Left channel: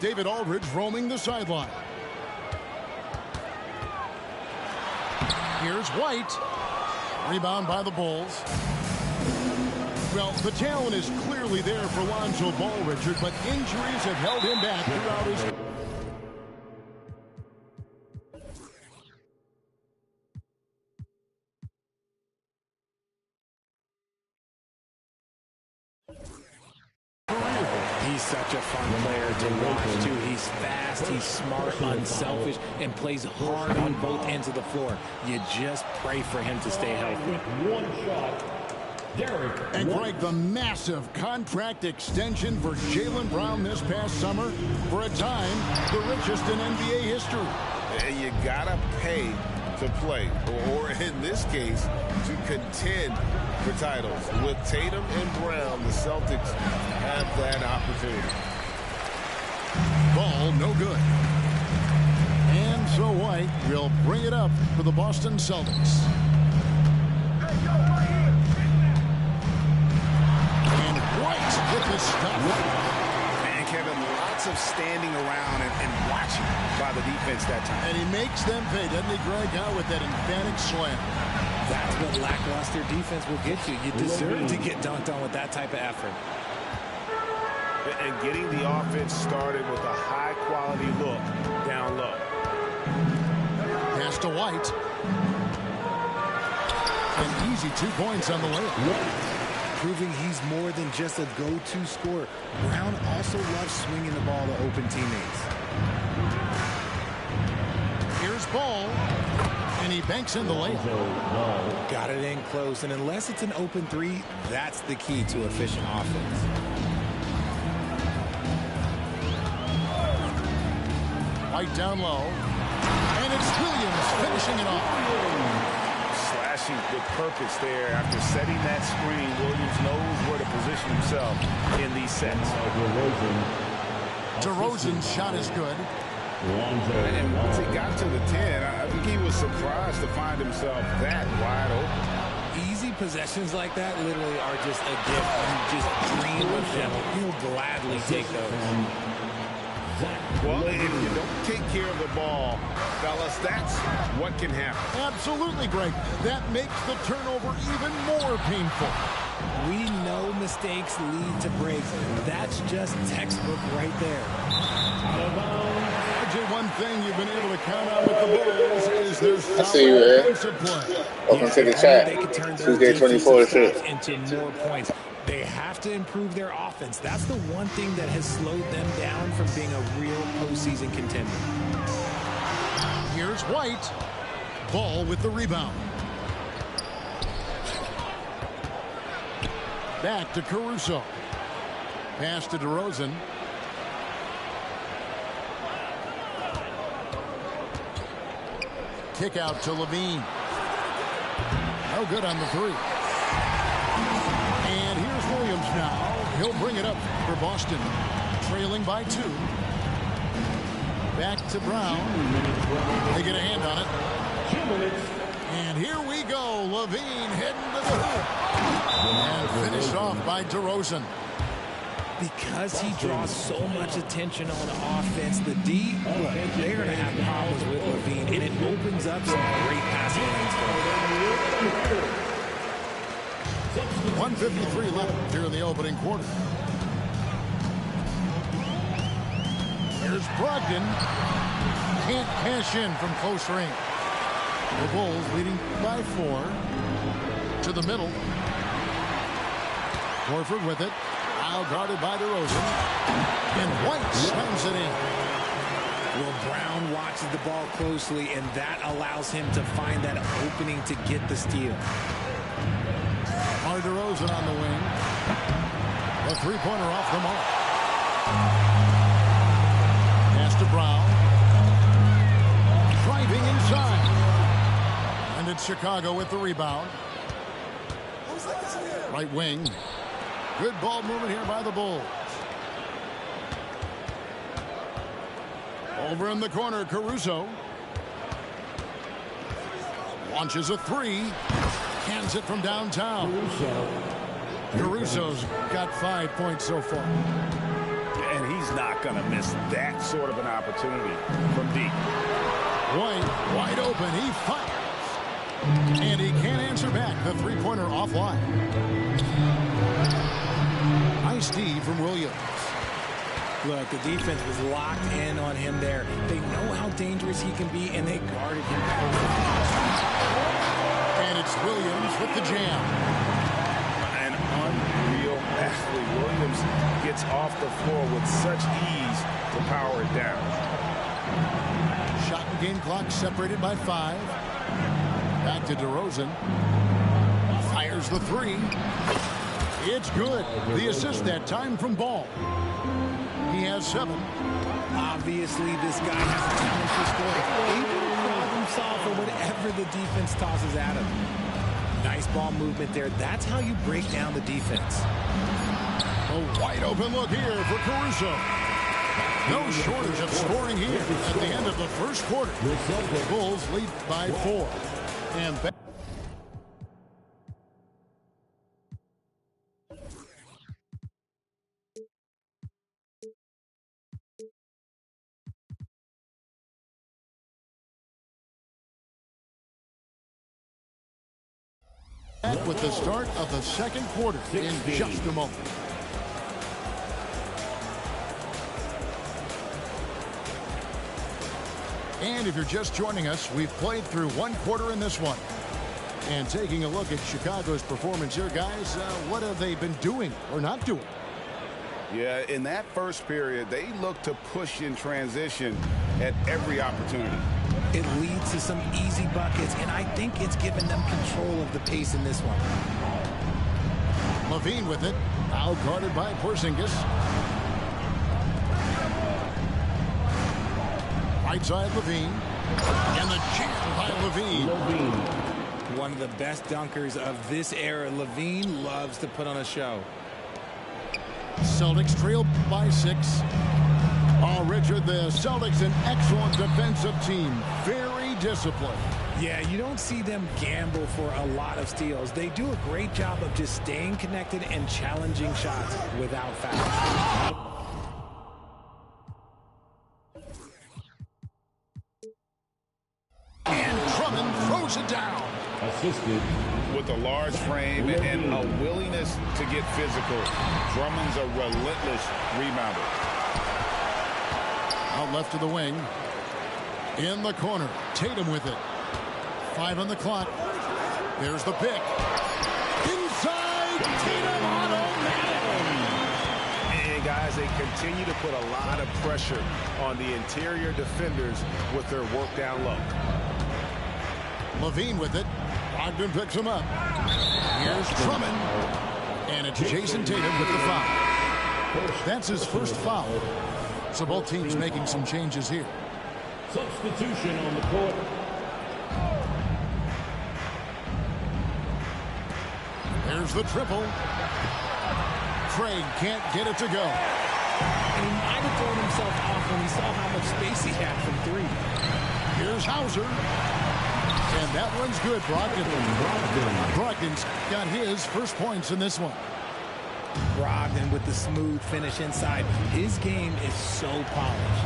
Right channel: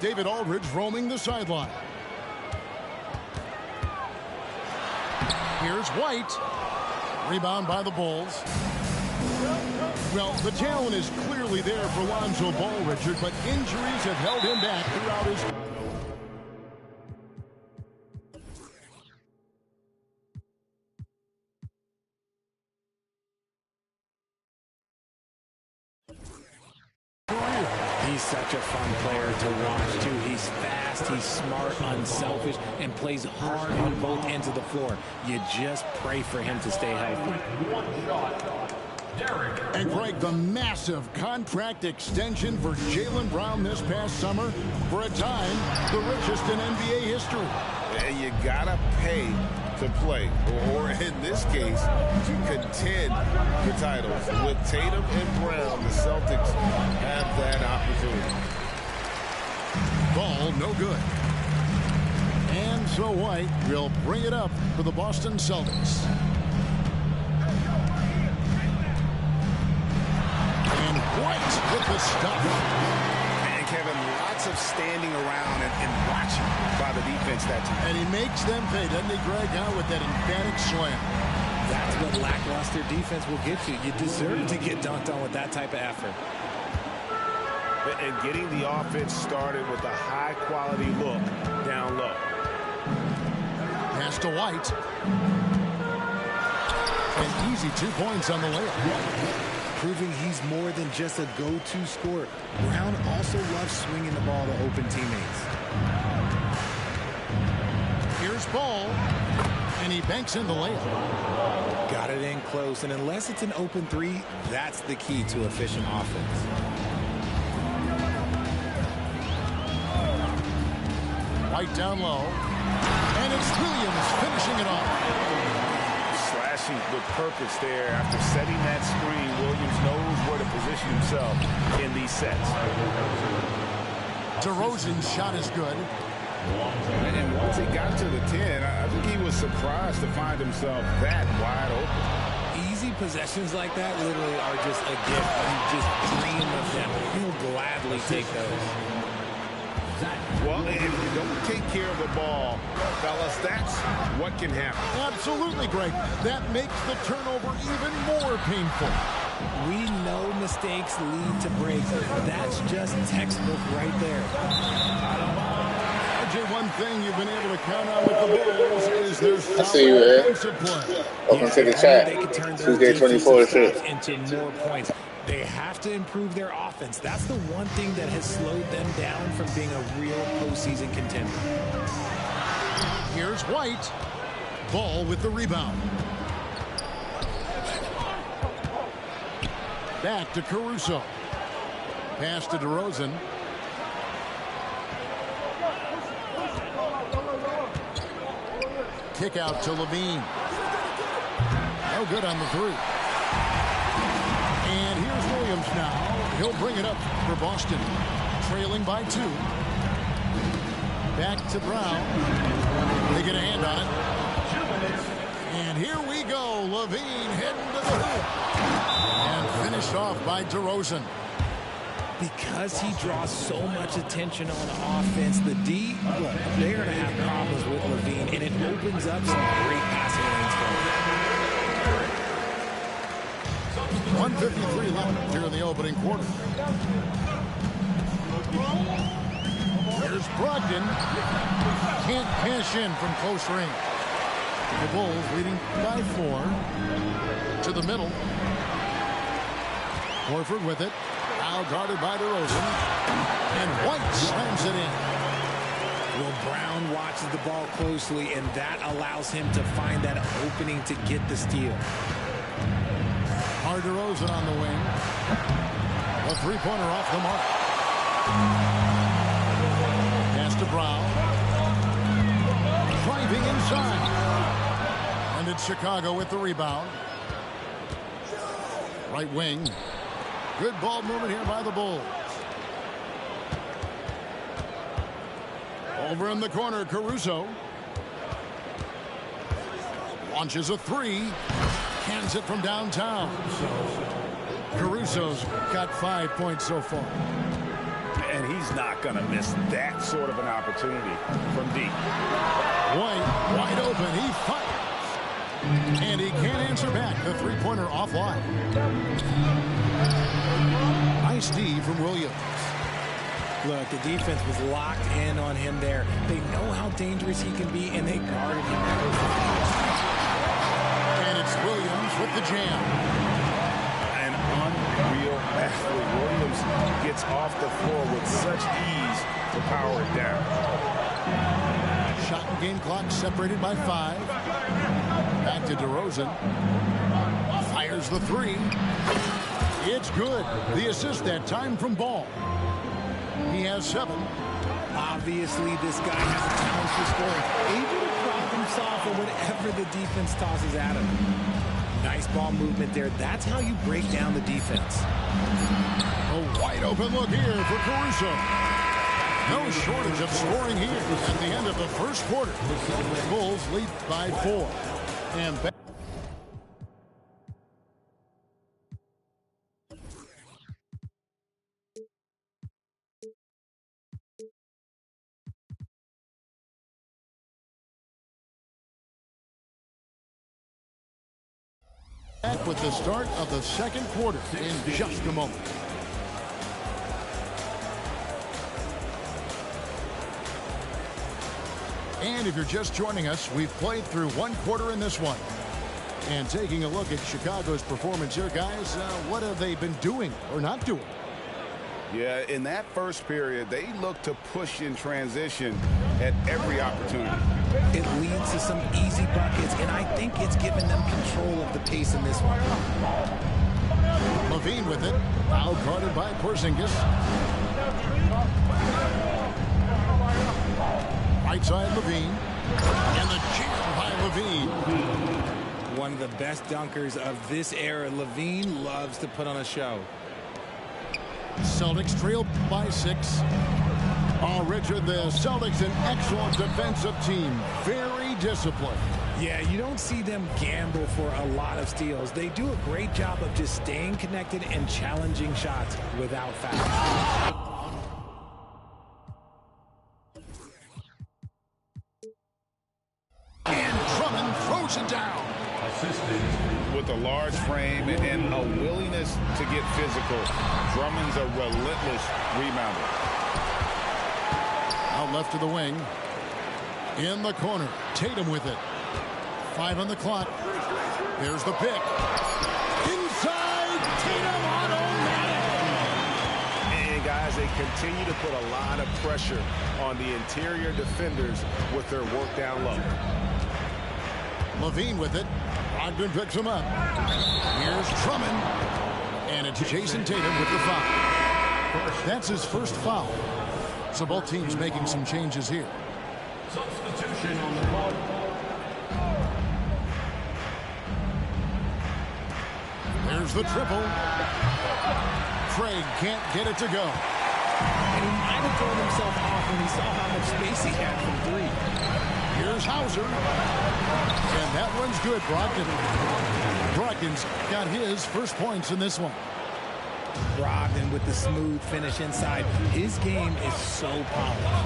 David Aldridge roaming the sideline. Here's White. Rebound by the Bulls. Well, the talent is clearly there for Lonzo Ball, Richard, but injuries have held him back throughout his career. He's such a fun player to watch, too. He's fast, he's smart, unselfish, and plays hard on both ends of the floor. You just pray for him to stay healthy. One shot. And Greg, the massive contract extension for Jaylen Brown this past summer, for a time, the richest in NBA history. And you gotta pay to play, or in this case, to contend for titles. With Tatum and Brown, the Celtics have that opportunity. Ball, no good. And so White will bring it up for the Boston Celtics. And White with the stuff. And Kevin, lots of standing around and watching by the defense that time. And he makes them pay, doesn't he, Greg, out with that emphatic slam. That's what lackluster defense will get you. You deserve to get dunked on with that type of effort. And getting the offense started with a high-quality look down low. Pass to White. An easy 2 points on the layup. Proving he's more than just a go-to scorer. Brown also loves swinging the ball to open teammates. Here's Ball. And he banks in the layup. Got it in close, and unless it's an open three, that's the key to efficient offense. White down low. And it's Williams finishing it off. Slashing with purpose there. After setting that screen, Williams knows where to position himself in these sets. DeRozan's shot is good. And once he got to the 10, I think he was surprised to find himself that wide open. Easy possessions like that literally are just a gift. You just dream of them. You'll gladly take those. Well, if you don't take care of the ball, fellas, that's what can happen. Absolutely, Greg. That makes the turnover even more painful. We know mistakes lead to breaks. That's just textbook right there. RJ, one thing you've been able to count on with the Bulls is their solid defensive play. Welcome to the chat. They can turn Tuesday 24 shit. into more points. They have to improve their offense. That's the one thing that has slowed them down from being a real postseason contender. Here's White. Ball with the rebound. Back to Caruso. Pass to DeRozan. Kick out to Levine. No good on the three. And here's Williams now. He'll bring it up for Boston. Trailing by 2. Back to Brown. They get a hand on it. 2 minutes. And here we go. Levine heading to the hoop. And finished off by DeRozan. Because he draws so much attention on offense, the D, look, they're going to have problems with Levine, and it opens up some great passing lanes for him. 1:53 left here in the opening quarter. Here's Brogdon. Can't cash in from close range. The Bulls leading by 4. To the middle. Horford with it. Now guarded by DeRozan. And White slams it in. Well, Brown watches the ball closely, and that allows him to find that opening to get the steal. Hard DeRozan on the wing. A three-pointer off the mark. Pass to Brown. Driving inside. And it's Chicago with the rebound. Right wing. Good ball movement here by the Bulls. Over in the corner, Caruso. Launches a 3. Cans it from downtown. Caruso's got 5 points so far. And he's not going to miss that sort of an opportunity from deep. White, wide open, he fires. And he can't answer back. The three-pointer offline. Nice D from Williams. Look, the defense was locked in on him there. They know how dangerous he can be, and they guarded him perfectly. And it's Williams with the jam. An unreal athlete. Williams gets off the floor with such ease to power it down. Shot and game clock separated by 5. Back to DeRozan. Fires the three. It's good. The assist that time from Ball. He has 7. Obviously, this guy has a talent for scoring. Able to problem solve for whatever the defense tosses at him. Nice ball movement there. That's how you break down the defense. A wide open look here for Caruso. No shortage of scoring here at the end of the first quarter. The Bulls lead by 4. And back with the start of the second quarter in just a moment. And if you're just joining us, we've played through one quarter in this one. And taking a look at Chicago's performance here, guys, what have they been doing or not doing? Yeah, in that first period, they looked to push in transition at every opportunity. It leads to some easy buckets, and I think it's given them control of the pace in this one. Levine with it, out guarded by Porzingis. Right side Levine, and the jam by Levine. One of the best dunkers of this era. Levine loves to put on a show. Celtics trail by 6. Oh, Richard, the Celtics, an excellent defensive team. Very disciplined. Yeah, you don't see them gamble for a lot of steals. They do a great job of just staying connected and challenging shots without fouls. And Drummond throws it down. Assisted. With a large frame and a willingness to get physical, Drummond's a relentless rebounder. Out left to the wing. In the corner. Tatum with it. 5 on the clock. There's the pick. Inside. Tatum automatic. And guys, they continue to put a lot of pressure on the interior defenders with their work down low. Levine with it. Brogdon picks him up. Here's Drummond. And it's Jason Tatum with the foul. That's his first foul. So both teams making some changes here. Substitution on the court. There's the triple. Craig can't get it to go. And he might have thrown himself off when he saw how much space he had from 3. Here's Hauser. And that one's good, Brogdon. Brogdon's got his first points in this one. Brogdon with the smooth finish inside. His game is so polished.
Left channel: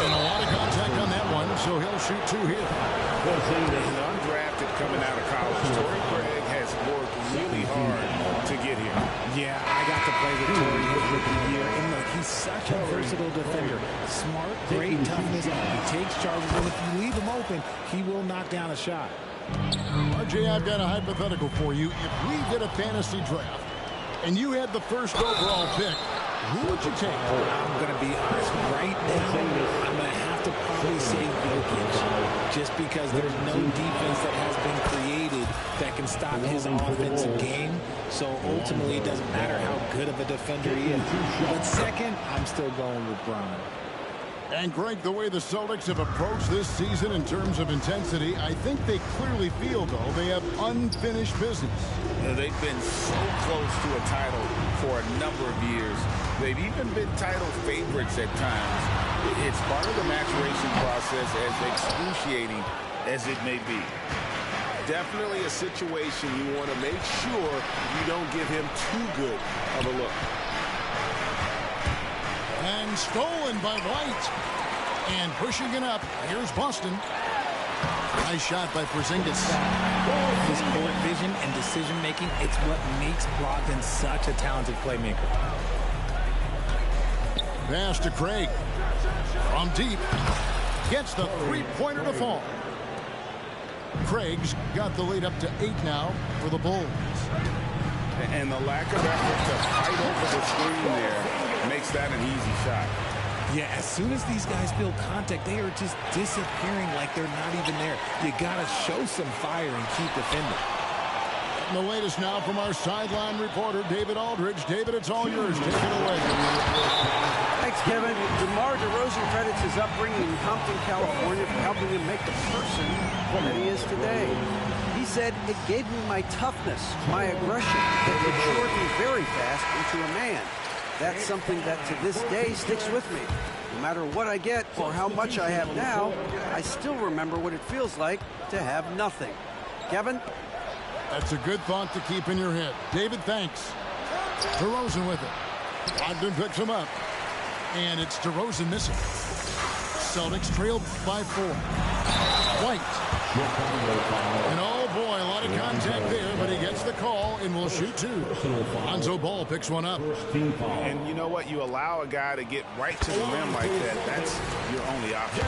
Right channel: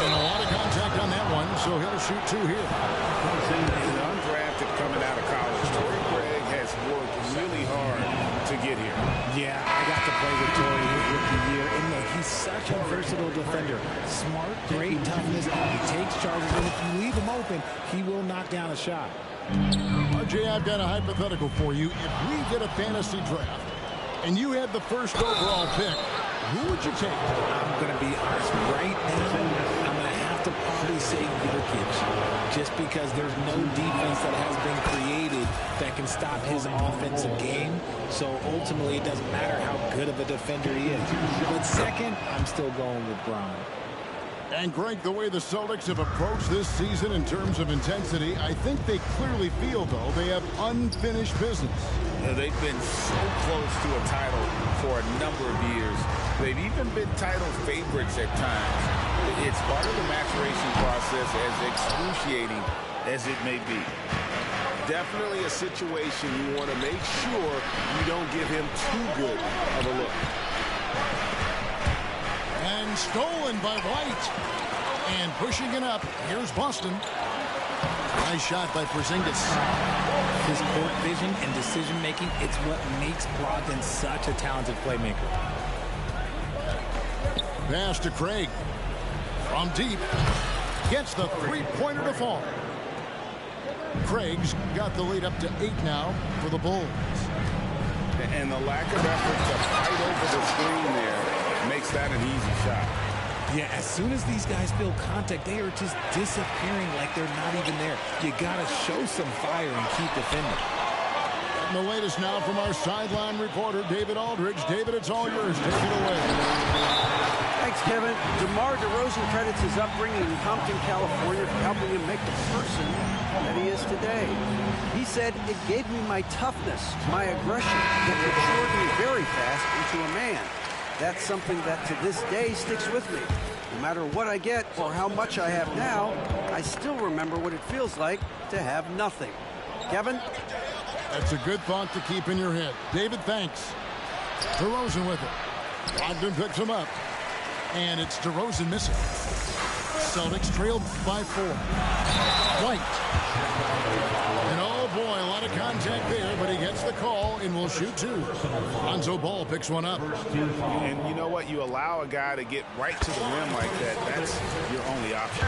And a lot of contact on that one, so he'll shoot 2 here. And undrafted coming out of college, Torrey Craig has worked really hard to get here. Yeah, I got to play with Torrey his rookie year. And look, he's such a versatile defender. Smart, great toughness. He takes charges, and if you leave him open, he will knock down a shot. RJ, I've got a hypothetical for you. If we did a fantasy draft and you had the first overall pick, who would you take? I'm going to be honest. Right now, I'm going to have to probably say Jokic, just because there's no defense that has been created that can stop his offensive game. So ultimately, it doesn't matter how good of a defender he is. But second, I'm still going with Bron. And Greg, the way the Celtics have approached this season in terms of intensity, I think they clearly feel, though, they have unfinished business. They've been so close to a title for a number of years. They've even been title favorites at times. It's part of the maturation process, as excruciating as it may be. definitely a situation you want to make sure you don't give him too good of a look. And stolen by White. And pushing it up. Here's Boston. Nice shot by Porzingis. His court vision and decision-making, it's what makes Brogdon such a talented playmaker. Pass to Craig. From deep. Gets the three-pointer to fall. Craig's got the lead up to 8 now for the Bulls. And the lack of effort to fight over the screen there makes that an easy shot. Yeah, as soon as these guys feel contact, they are just disappearing like they're not even there. You got to show some fire and keep defending. And the latest now from our sideline reporter, David Aldridge. David, it's all yours. Take it away. Thanks, Kevin. DeMar DeRozan credits his upbringing in Compton, California for helping him make the person that he is today. He said, "It gave me my toughness, my aggression. It matured me very fast into a man. That's something that to this day sticks with me. No matter what I get or how much I have now, I still remember what it feels like to have nothing." Kevin? That's a good thought to keep in your head. David, thanks. DeRozan with it. Brogdon picks him up. And it's DeRozan missing. Celtics trailed by 4. White. And oh boy, a lot of contact there, but he gets the call and will shoot 2. Lonzo Ball picks one up. And you know what? You allow a guy to get right to the rim like that. That's your only option.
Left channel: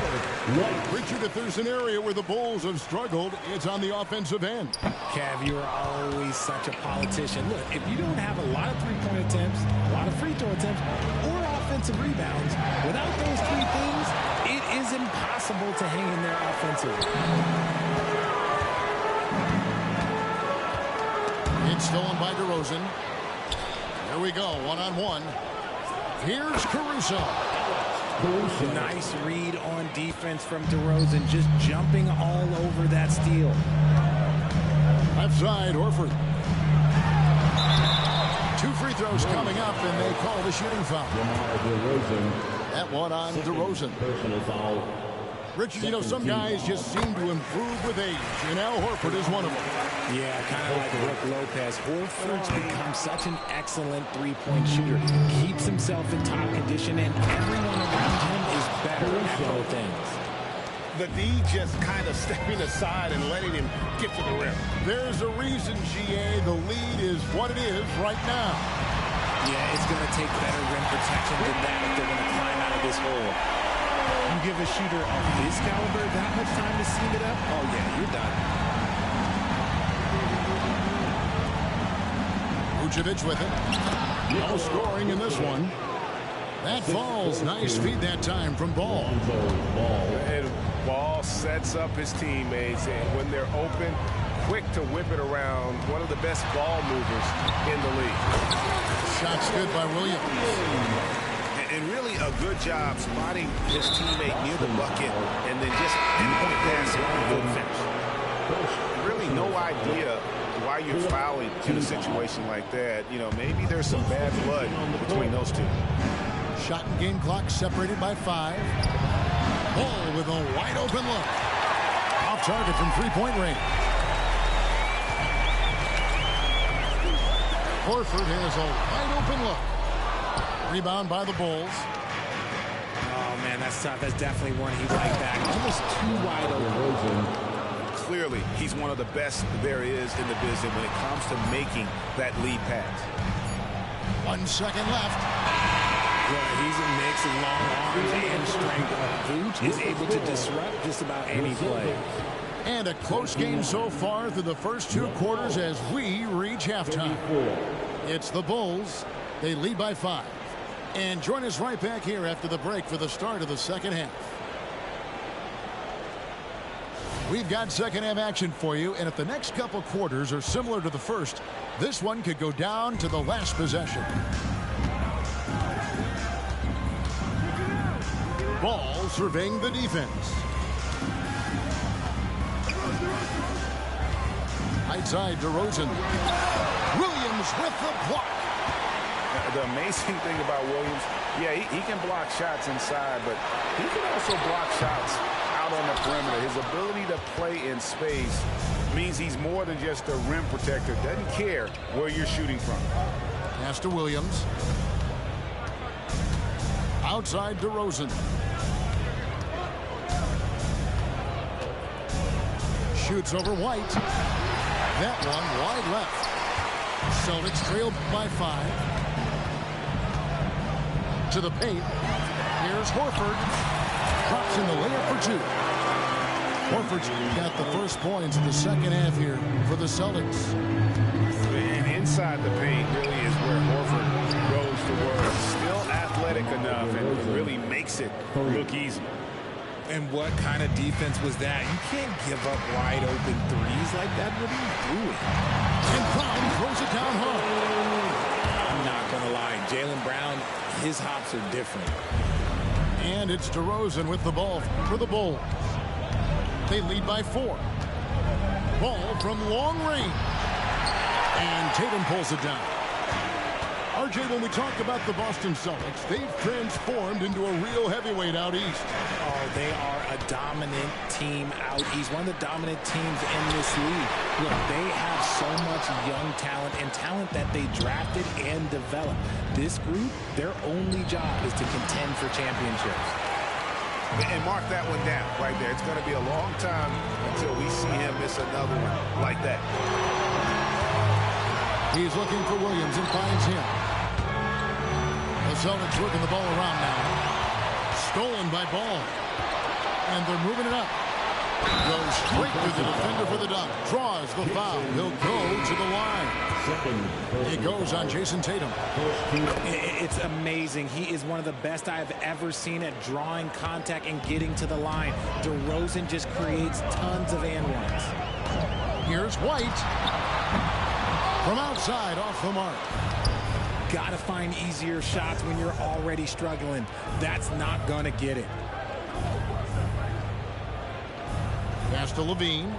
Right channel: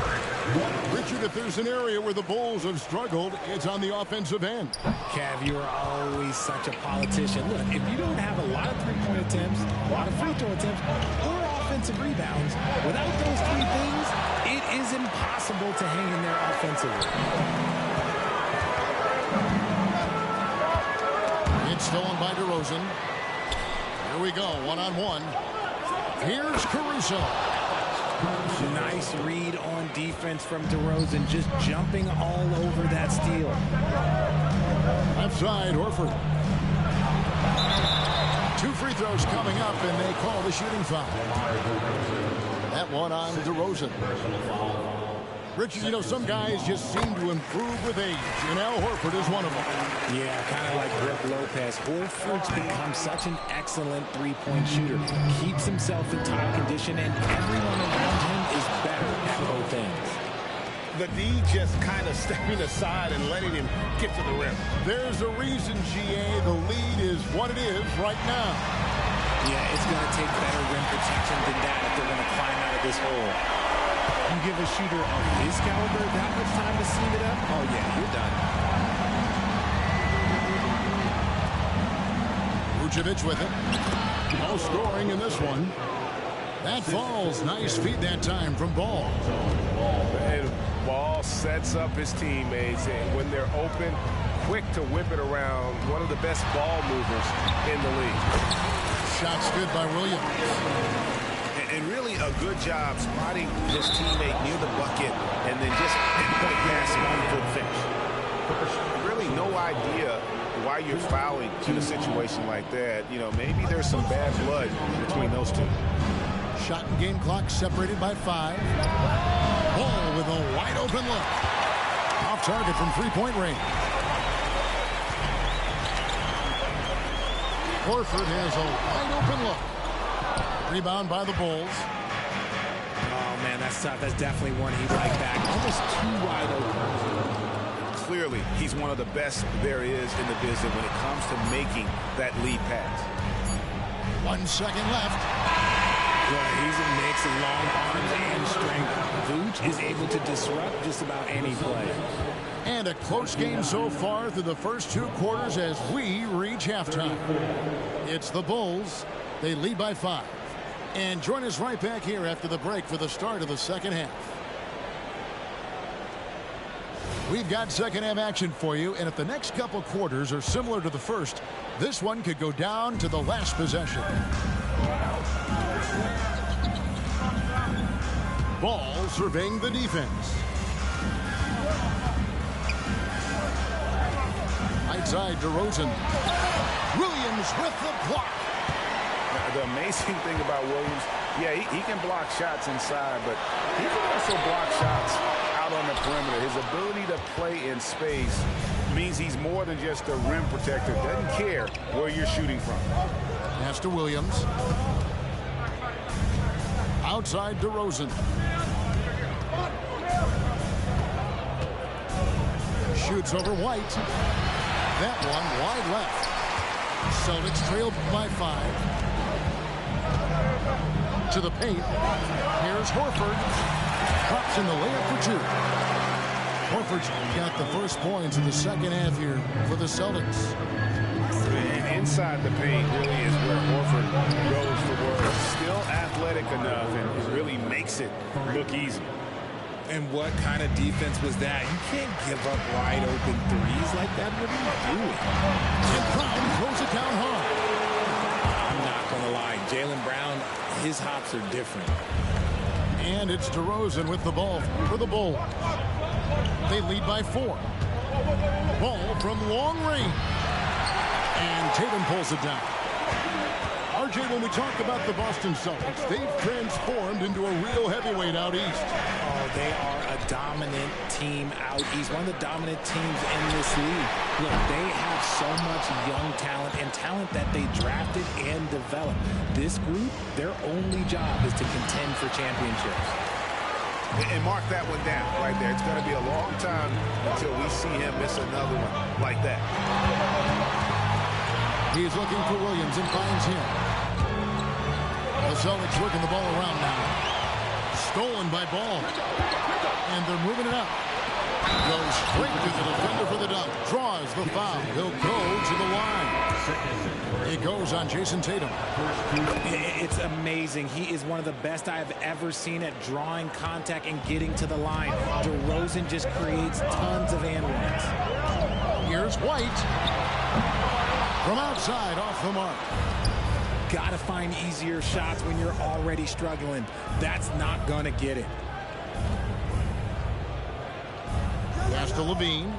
Richard, if there's an area where the Bulls have struggled, it's on the offensive end. Cav, you are always such a politician. Look, if you don't have a lot of three-point attempts, a lot of free throw attempts, or offensive rebounds, without those 3 things, it is impossible to hang in there offensively. It's stolen by DeRozan. Here we go, one-on-one. Here's Caruso. Nice read on defense from DeRozan, just jumping all over that steal. Left side, Horford. 2 free throws coming up, and they call the shooting foul. That one on DeRozan. Richard, you know, some guys just seem to improve with age, and Al Horford is one of them. Yeah, kind of like Brook Lopez. Horford's become such an excellent three-point shooter. Keeps himself in top condition, and everyone around him is better at both ends. The D just kind of stepping aside and letting him get to the rim. There's a reason, GA, the lead is what it is right now. Yeah, it's going to take better rim protection than that if they're going to climb out of this hole. You give a shooter of his caliber that much time to seam it up, oh yeah, you're done. Vucevic with it. No scoring in this one. That falls. Nice feed that time from Ball. And Ball sets up his teammates, and when they're open, quick to whip it around. One of the best ball movers in the league. Shots good by Williams. And really a good job spotting his teammate near the bucket and then just pinpoint passing for the finish. Really no idea why you're fouling in a situation like that. You know, maybe there's some bad blood between those two. Shot and game clock separated by 5. Ball with a wide open look. Off target from three-point range. Horford has a wide open look. Rebound by the Bulls. Oh, man, that's tough. That's definitely one he'd like back. Almost too wide open. Clearly, he's one of the best there is in the business when it comes to making that lead pass. 1 second left. Yeah, he's a mix of long arms and strength. Vooch is able to disrupt just about any play. And a close game so far through the first 2 quarters as we reach halftime. It's the Bulls. They lead by 5. And join us right back here after the break for the start of the second half. We've got second half action for you, and if the next couple quarters are similar to the first, this one could go down to the last possession. Ball surveying the defense. Right side, DeRozan. Williams with the block. The amazing thing about Williams, yeah, he can block shots inside, but he can also block shots out on the perimeter. His ability to play in space means he's more than just a rim protector. Doesn't care where you're shooting from. Pass to Williams. Outside DeRozan. Shoots over White. That one wide left. Celtics trail by 5. To the paint. Here's Horford. Drops in the layup for 2. Horford's got the first points in the second half here for the Celtics. And inside the paint really is where Horford goes to work. Still athletic enough and really makes it look easy. And what kind of defense was that? You can't give up wide open threes like that. What are you doing? And Brown throws it down hard. I'm not going to lie. Jaylen Brown, his hops are different. And it's DeRozan with the ball for the Bulls. They lead by 4. Ball from long range. And Tatum pulls it down. RJ, when we talk about the Boston Celtics, they've transformed into a real heavyweight out east. Oh, they are a dominant team out east. One of the dominant teams in this league. Look, they have so much young talent and talent that they drafted and developed. This group, their only job is to contend for championships. And mark that one down right there. It's going to be a long time until we see him miss another one like that. He's looking for Williams and finds him. The Celtics working the ball around now. Stolen by Ball. And they're moving it up. Goes straight to the defender for the dunk. Draws the foul. He'll go to the line. It goes on Jason Tatum. It's amazing. He is one of the best I've ever seen at drawing contact and getting to the line. DeRozan just creates tons of and ones. Here's White. From outside, off the mark. Gotta find easier shots when you're already struggling. That's not gonna get it. Pass to Levine.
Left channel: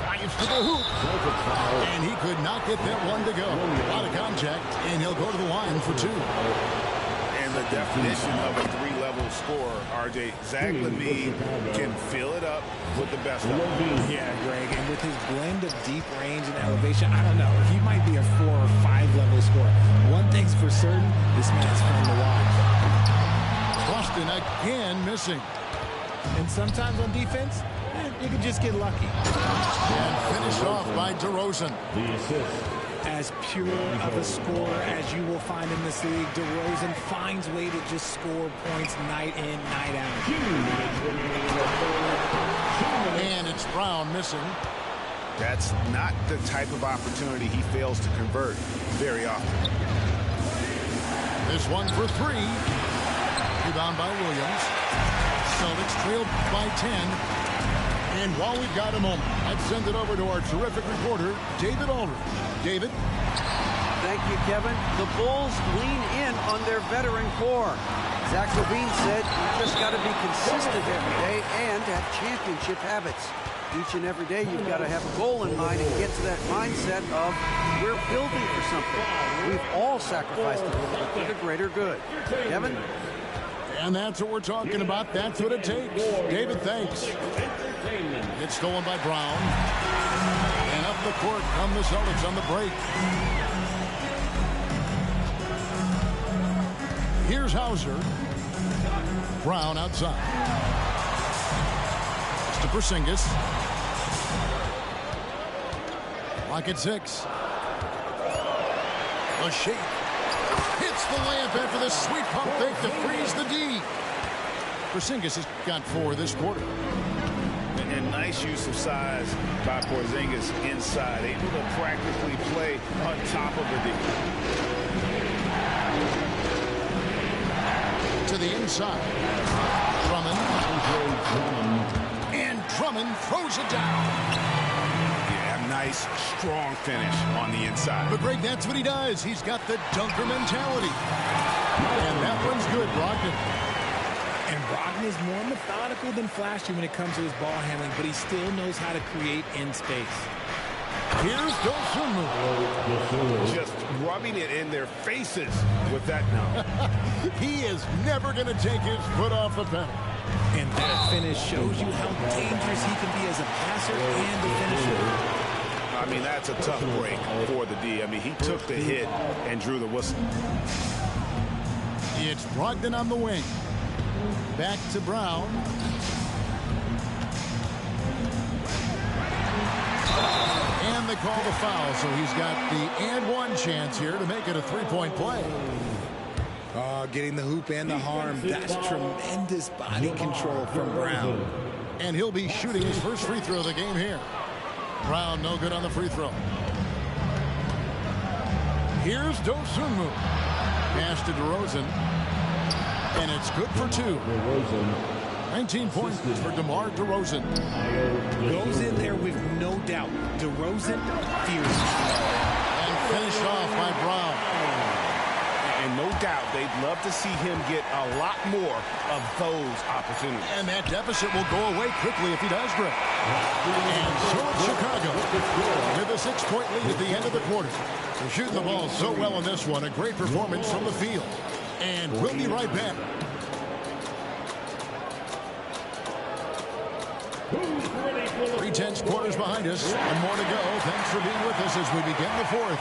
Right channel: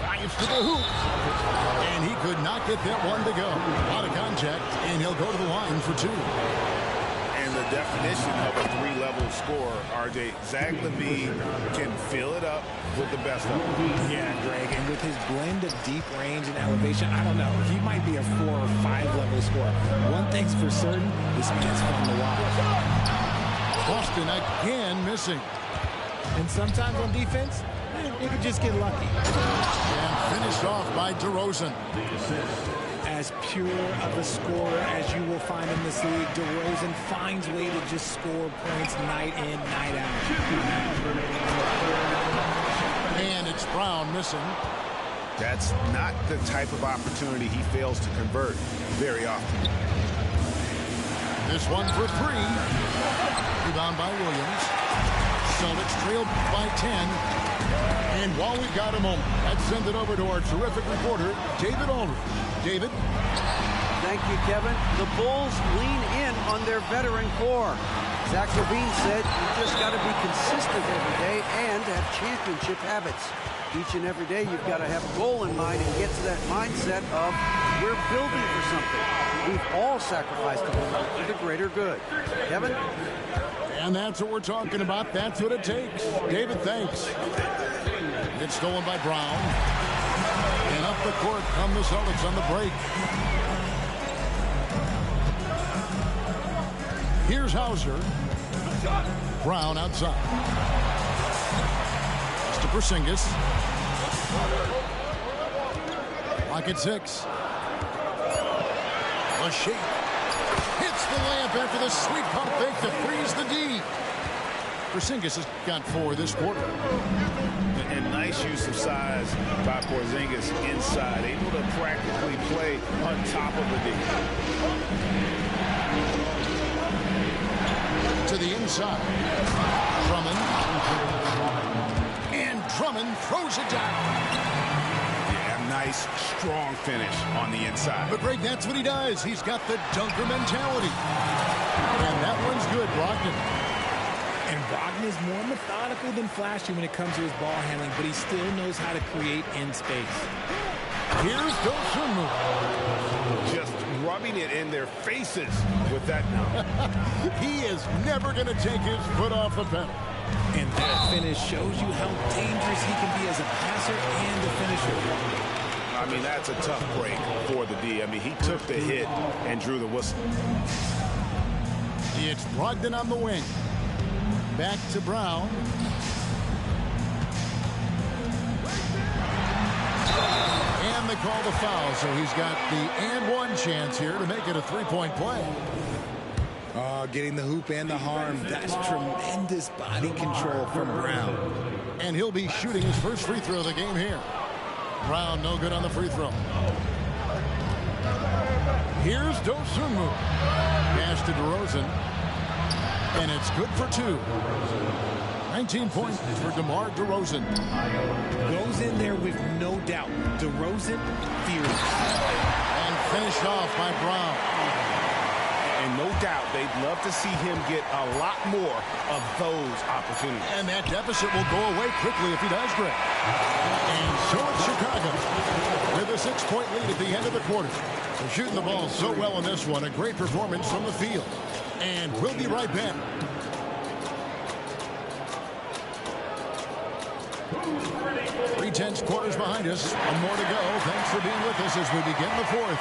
Drives to the hoop. And he could not get that one to go. A lot of contact, and he'll go to the line for 2. And the definition of a 3-level scorer, RJ, Zach LaVine can fill it up with the best of them. Yeah, Greg, and with his blend of deep range and elevation, I don't know. He might be a 4 or 5 level scorer. One thing's for certain, this man's fun to watch. Boston again missing. And sometimes on defense, you could just get lucky. And finished off by DeRozan. The assist. As pure of a scorer as you will find in this league, DeRozan finds a way to just score points night in, night out. And it's Brown missing. That's not the type of opportunity he fails to convert very often. This one for 3. Rebound by Williams. Celtics trail by 10. And while we've got a moment, let's send it over to our terrific reporter, David Aldridge. David? Thank you, Kevin. The Bulls lean in on their veteran core. Zach LaVine said you just got to be consistent every day and have championship habits. Each and every day you've got to have a goal in mind and get to that mindset of we're building for something. We've all sacrificed a little bit for the greater good. Kevin? And that's what we're talking about. That's what it takes. David, thanks. It's stolen by Brown. And up the court come the Celtics on the break. Here's Hauser. Brown outside. It's to Porzingis. Lock at 6. A shake. Hits the layup after the sweet pump fake to freeze the D. Porzingis has got 4 this quarter. And nice use of size by Porzingis inside, able to practically play on top of the D. To the inside. Drummond. And Drummond throws it down. Yeah, nice, strong finish on the inside. But Greg, that's what he does. He's got the dunker mentality. And that one's good, Brogdon. And Brogdon is more methodical than flashy when it comes to his ball handling, but he still knows how to create in space. Here's Dosunmu. Just rubbing it in their faces with that now. He is never going to take his foot off the pedal. And that finish shows you how dangerous he can be as a passer and a finisher. I mean, that's a tough break for the D. I mean, he took the hit and drew the whistle. It's Brogdon on the wing. Back to Brown. And they call the foul, so he's got the and one chance here to make it a three-point play. Getting the hoop and the harm. That's tremendous body control from Brown. And he'll be shooting his first free throw of the game here. Brown no good on the free throw. Here's Dosunmu. Pass to DeRozan. And it's good for 2. 19 points for DeMar DeRozan. Goes in there with no doubt. DeRozan fears it. And finished off by Brown. And no doubt they'd love to see him get a lot more of those opportunities. And that deficit will go away quickly if he does, Greg. And so it's Chicago with a 6-point lead at the end of the quarter. They're shooting the ball so well in this one. A great performance from the field. And we'll be right back. Three-tenths quarters behind us. One more to go. Thanks for being with us as we begin the fourth.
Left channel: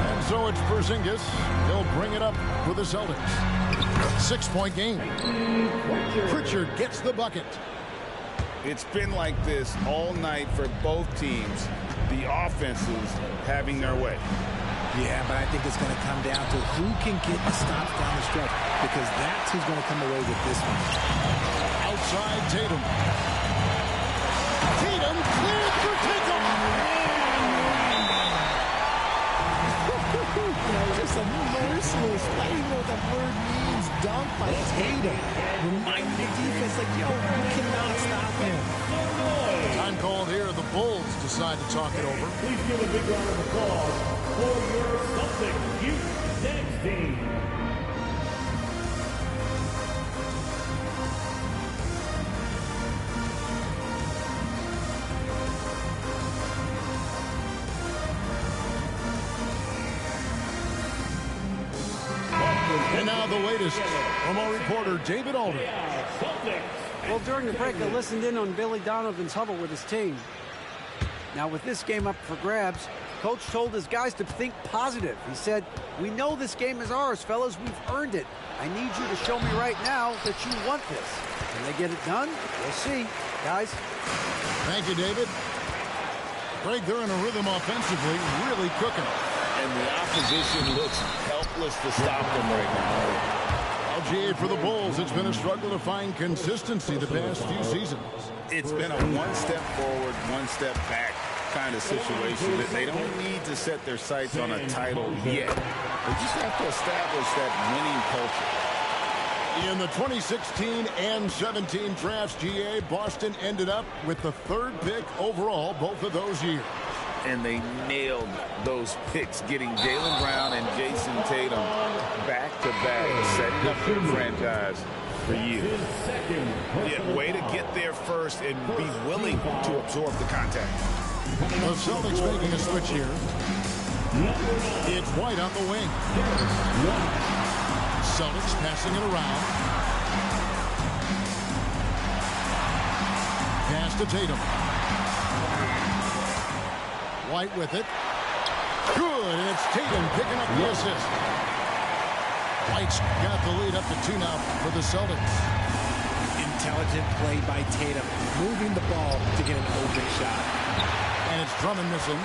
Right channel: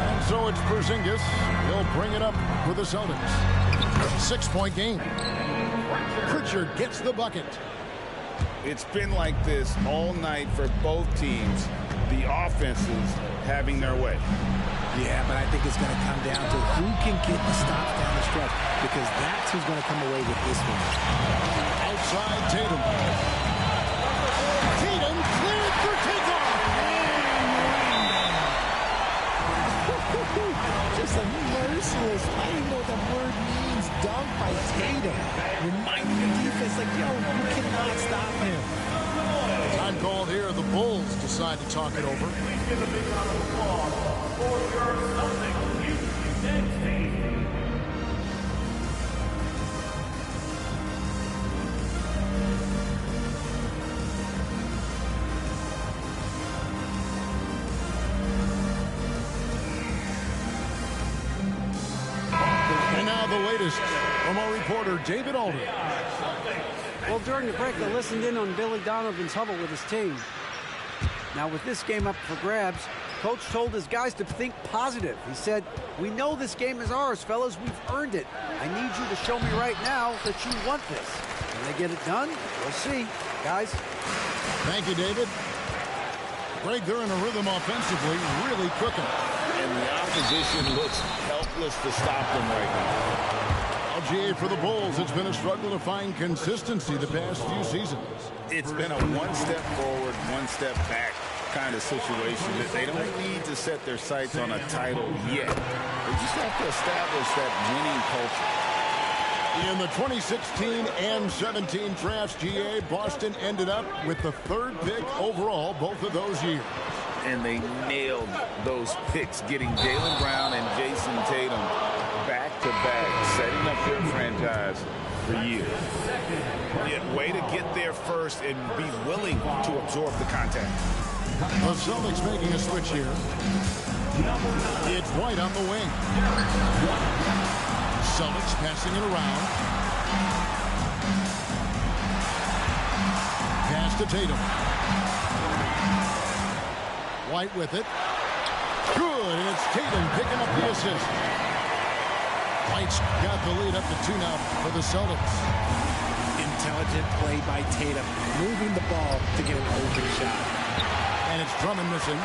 And so it's Porzingis. He'll bring it up for the Celtics. 6-point game. Pritchard gets the bucket. It's been like this all night for both teams. The offenses having their way. Yeah, but I think it's going to come down to who can get the stops down the stretch, because that's who's going to come away with this one. Outside Tatum. Tatum cleared for takeoff. And landing. Just a merciless, I don't even know what that word means, dunk by Tatum. Reminding the defense, like, yo, you cannot stop him. Time called here. The Bulls decide to talk it over. Please give a big round of applause for your Celtics Youth Next team. And now the latest from our reporter, David Alder. Well, during the break, I listened in on Billy Donovan's huddle with his team. Now, with this game up for grabs, Coach told his guys to think positive. He said, "We know this game is ours, fellas. We've earned it. I need you to show me right now that you want this. Can they get it done? We'll see. Guys." Thank you, David. Greg, they're in a rhythm offensively, really cooking. And the opposition looks helpless to stop them right now. LGA for the Bulls. It's been a struggle to find consistency the past few seasons. It's been a one step forward, one step back kind of situation. That they don't need to set their sights on a title yet. They just have to establish that winning culture. In the 2016 and 17 drafts, GA, Boston ended up with the 3rd pick overall both of those years. And they nailed those picks, getting Jaylen Brown and Jason Tatum back-to-back, setting up their franchise for years. Yeah, way to get there first and be willing to absorb the contact. The Celtics making a switch here. It's White on the wing. Celtics passing it around. Pass to Tatum. White with it. Good, and it's Tatum picking up the assist. White's got the lead up to 2 now for the Celtics. Intelligent play by Tatum, moving the ball to get an open shot. And it's Drummond missing.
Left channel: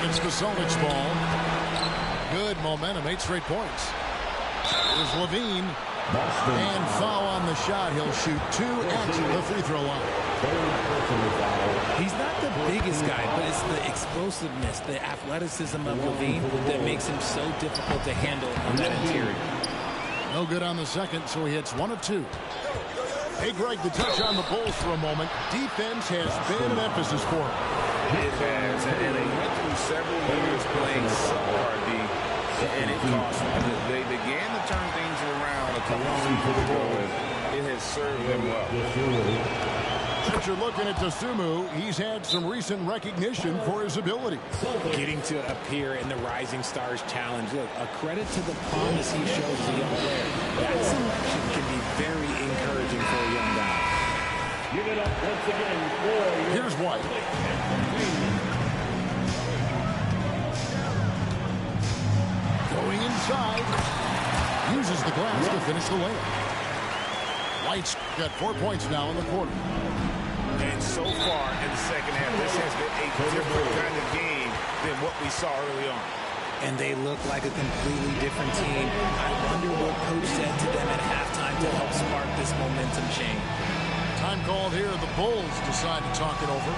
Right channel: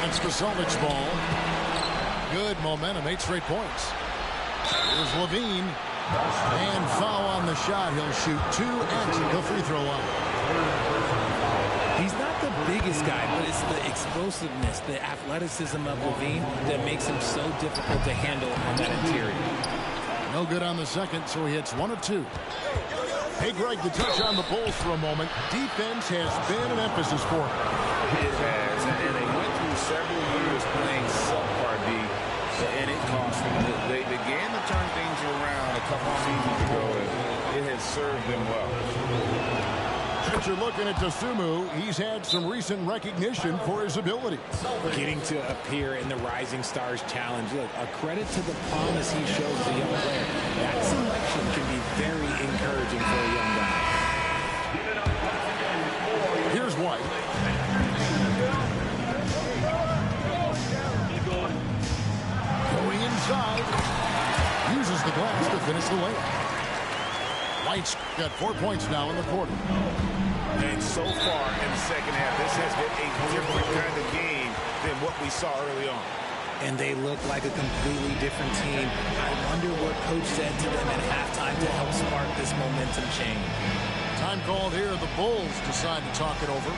And it's the Celtics ball. Good momentum, 8 straight points. Here's Levine. And foul on the shot. He'll shoot 2 at the free throw line. He's not the biggest guy, but it's the explosiveness, the athleticism of Levine that makes him so difficult to handle on that interior. No good on the second, so he hits 1 of 2. Hey, Greg, to touch on the Bulls for a moment, defense has been an emphasis for him. It has, and they went through several years playing subpar D, and it cost them. They began to turn things around a couple seasons ago, and it has served them well. But you're looking at Dosunmu. He's had some recent recognition for his ability. Getting to appear in the Rising Stars Challenge. Look, a credit to the promise he shows as a young player. That selection can be very encouraging for a young guy. Give it up once again for Here's White. Going inside. Uses the glass to finish the layup. White's got 4 points now in the quarter. And so far in the second half, this has been a different kind of game than what we saw early on. And they look like a completely different team. I wonder what coach said to them at halftime to help spark this momentum change. Time called here. The Bulls decide to talk it over.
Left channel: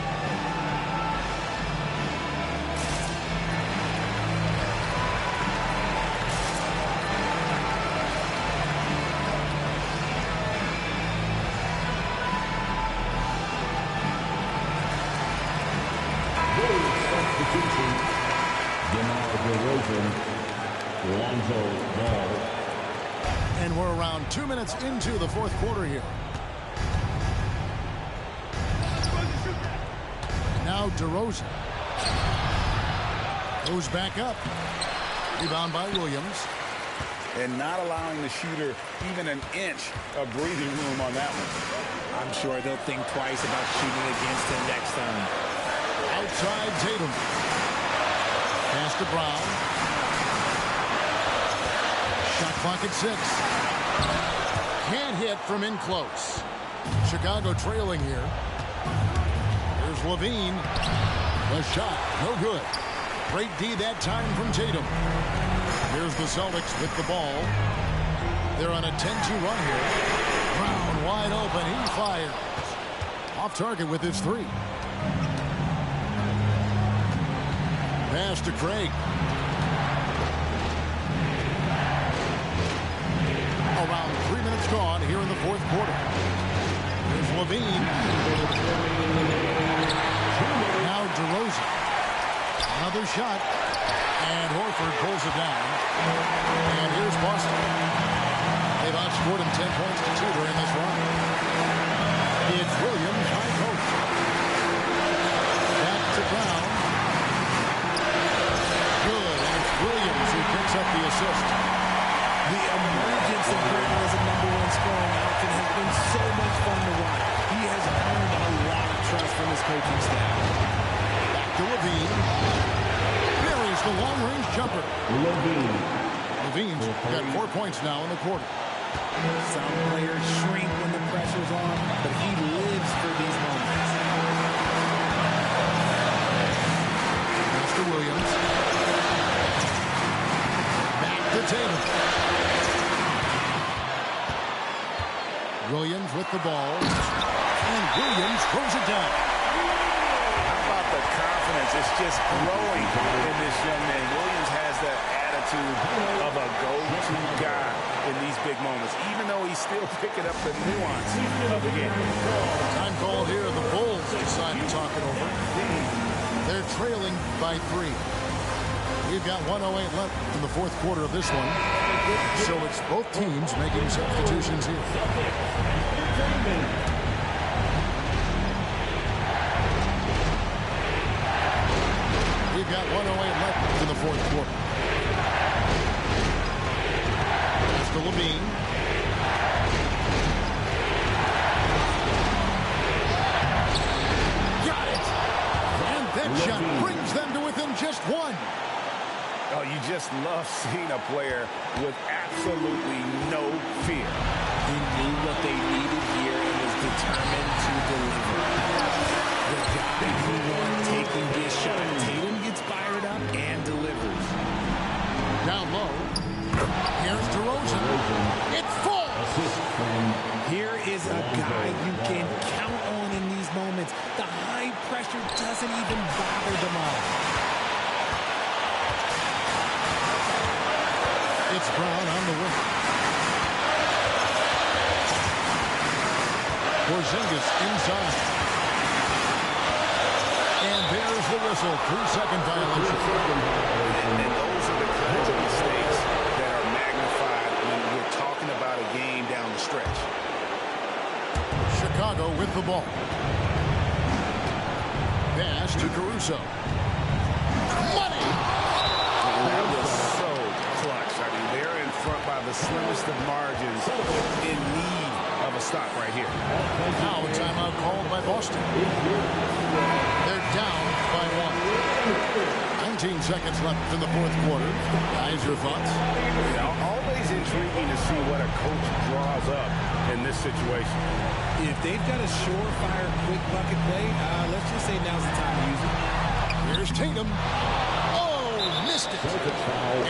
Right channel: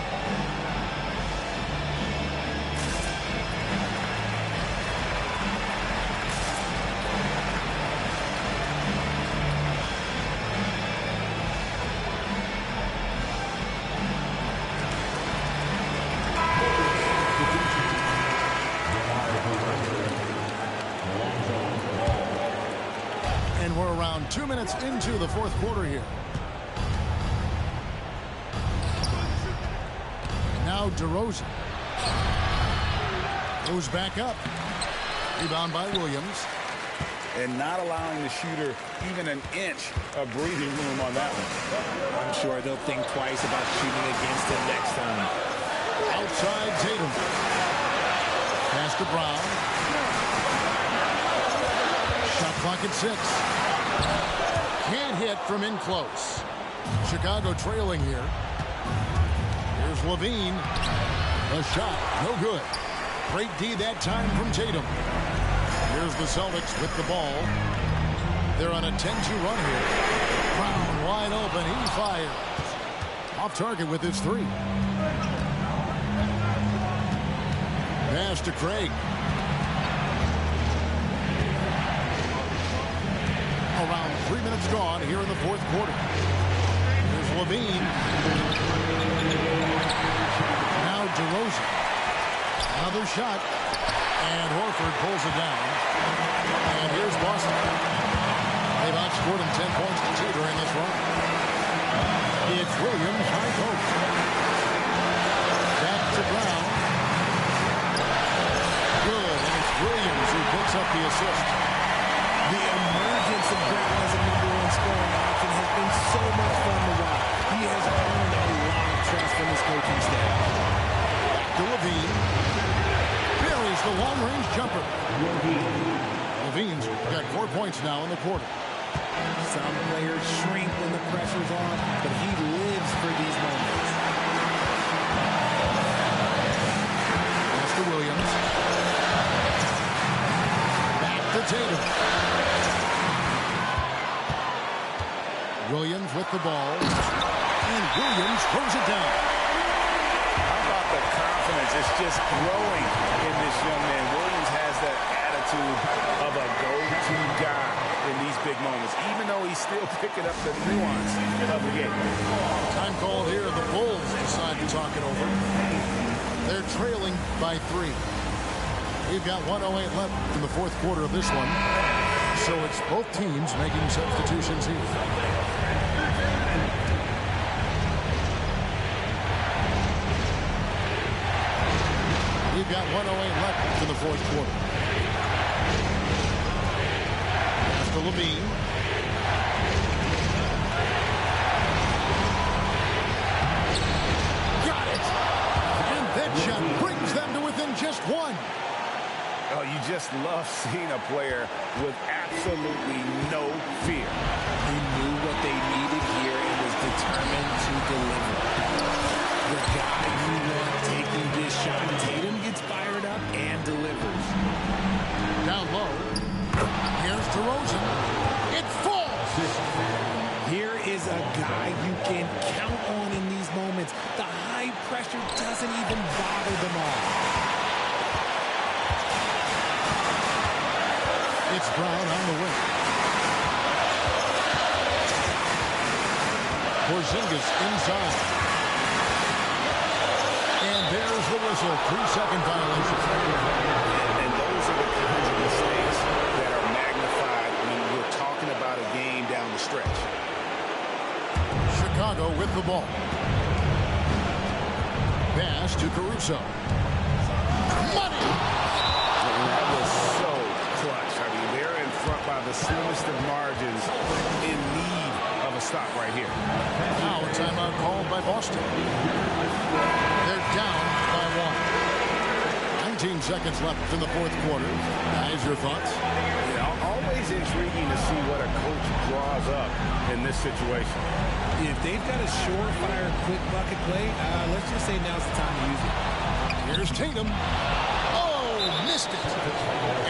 And we're around 2 minutes into the fourth quarter here. Now DeRozan. Goes back up. Rebound by Williams. And not allowing the shooter even an inch of breathing room on that one. I'm sure they'll think twice about shooting against him next time. Outside Tatum. Pass to Brown. Shot clock at 6. Can't hit from in close. Chicago trailing here. Here's Levine. The shot, no good. Great D that time from Tatum. Here's the Celtics with the ball. They're on a 10-2 run here. Brown wide open. He fires. Off target with his 3. Pass to Craig. Around 3 minutes gone here in the fourth quarter. Here's Levine. Now DeRozan. Another shot. And Horford pulls it down. And here's Boston. They've outscored him 10 points to 2 during this run. It's Williams high post. Back to Brown. Good, and it's Williams who picks up the assist. The emergence of Brown as a #1 scoring option has been so much fun to watch. He has earned a lot of trust from his coaching staff. Back to Levine. Buries the long-range jumper. Levine's got 4 points now in the quarter. Some players shrink when the pressure's on, but he lives for these moments. Pass to Williams. Back to Tatum. Williams with the ball. And Williams throws it down. How about the confidence? It's just growing in this young man. Williams has that attitude of a go-to guy in these big moments, even though he's still picking up the nuance of the game. Time called here. The Bulls decide to talk it over. They're trailing by 3. We've got 1:08 left in the fourth quarter of this one. So it's both teams making substitutions here. We've got 1:08 left in the fourth quarter. Pass to Levine. Got it! And that shot brings them to within just 1. Oh, you just love seeing a player with absolutely no fear. He knew what they needed here and was determined to deliver. The guy you want taking this shot. Tatum gets fired up and delivers. Down low. Here's DeRozan. It falls! Here is a guy you can count on in these moments. The high pressure doesn't even bother them all. It's Brown on the wing. Porzingis inside. And there's the whistle. 3-second violation. And those are the kinds of mistakes that are magnified when we're talking about a game down the stretch. Chicago with the ball. pass to Caruso. Money! And that was so clutch. I mean, they're in front by the slimmest of margins, in need of a stop right here. Now a timeout called by Boston. They're down by 1. 19 seconds left in the fourth quarter. Guys, your thoughts? Yeah, always intriguing to see what a coach draws up in this situation. If they've got a surefire, quick bucket play, let's just say now's the time to use it. Here's Tatum. Oh, missed it.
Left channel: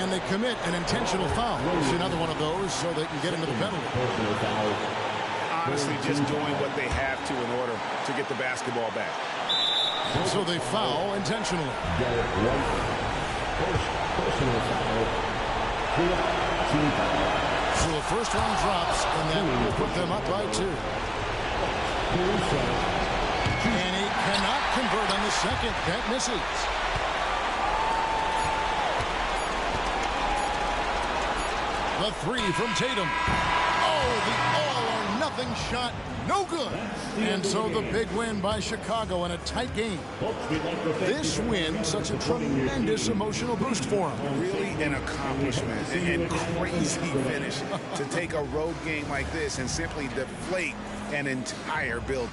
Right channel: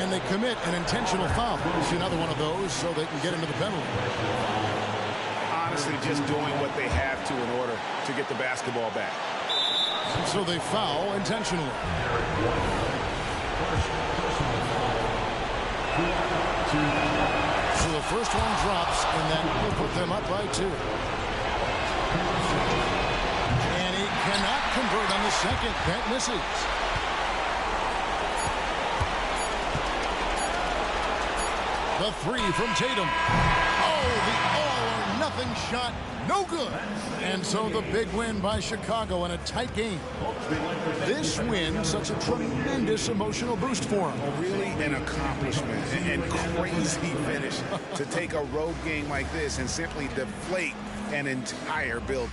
And they commit an intentional foul. See another one of those so they can get into the penalty. Honestly, just doing what they have to in order to get the basketball back. And so they foul intentionally. So the first one drops, and that will put them up by 2. And he cannot convert on the second. That misses. The 3 from Tatum. Oh, the all-or-nothing shot. No good. And so the big win by Chicago in a tight game. This win, such a tremendous emotional boost for them. Really an accomplishment and crazy finish to take a road game like this and simply deflate an entire building.